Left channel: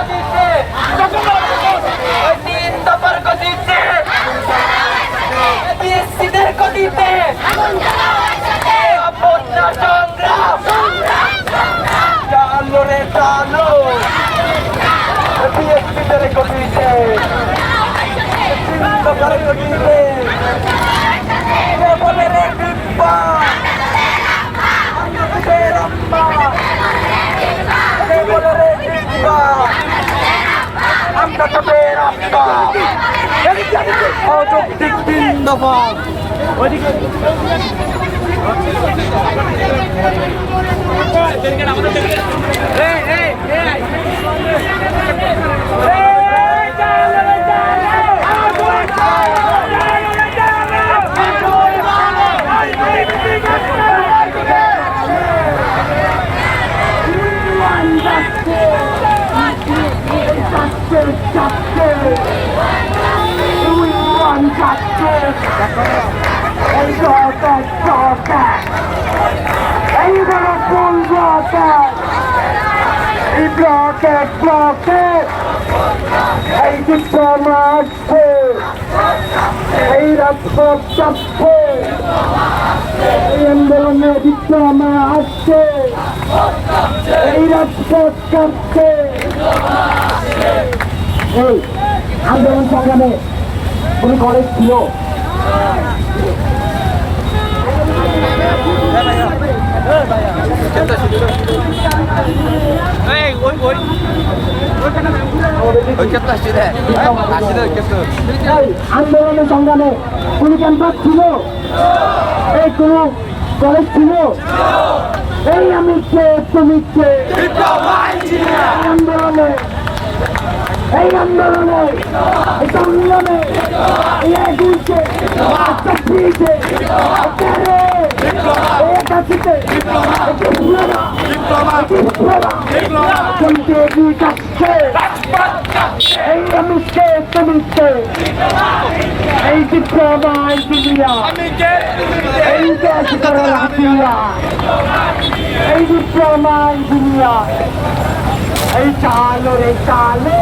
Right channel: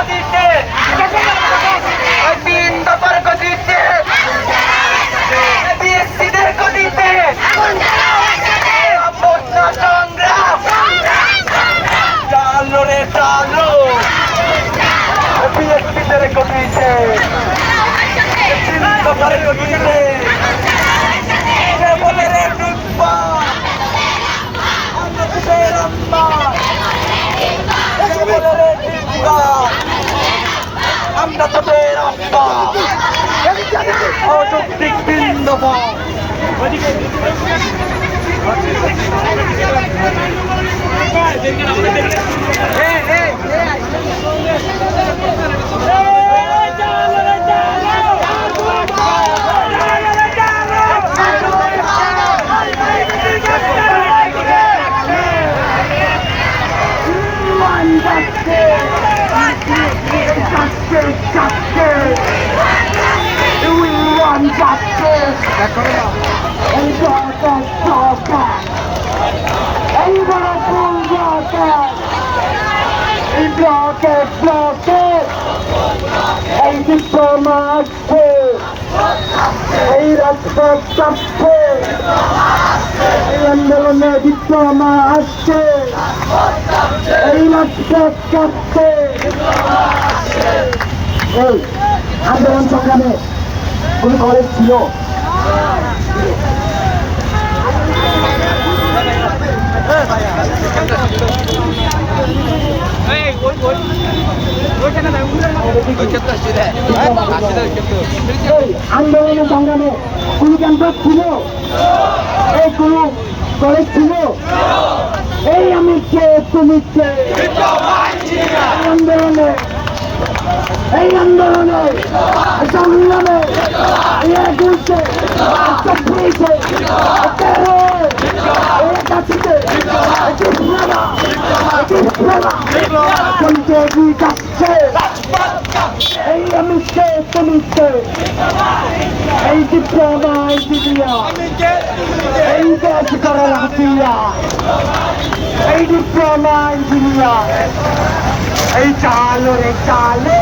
গতিতে ওই 3 দফার গতিতে বিএসসিদের গতিতে বন্যা সংগ্রাম চালো রে চালো বিএসসিদের গতিতে 3 দফার গতিতে কে বলে রে ডিব্বা আমরা তোদের আব্বা অযৌক্তিক 3 দফা We want justice and justice. Ain't gonna pull justice. We block it. Hey, diplomacy. Hey, that's justice. Hey, আন্দোলনে diplomacy. Hey, that's justice. এই আন্দোলন সংগ্রামে কোন কলেজ ছিল? আন্দোলনের সংগ্রামে কোন ক্যাম্পাস ছিল? এই কোন কলেজ ছিল? এই আমি কে তুমি কে আন্দোলনে এই আন্দোলনে সংগ্রামে এগিয়েছে চব্বিশে এই আমি কে তুমি কে এই ডিপ্লোমা ইঞ্জিনিয়ার এই দেশ করার এই ডিপ্লোমা ইঞ্জিনিয়ার এই চালো রে চালে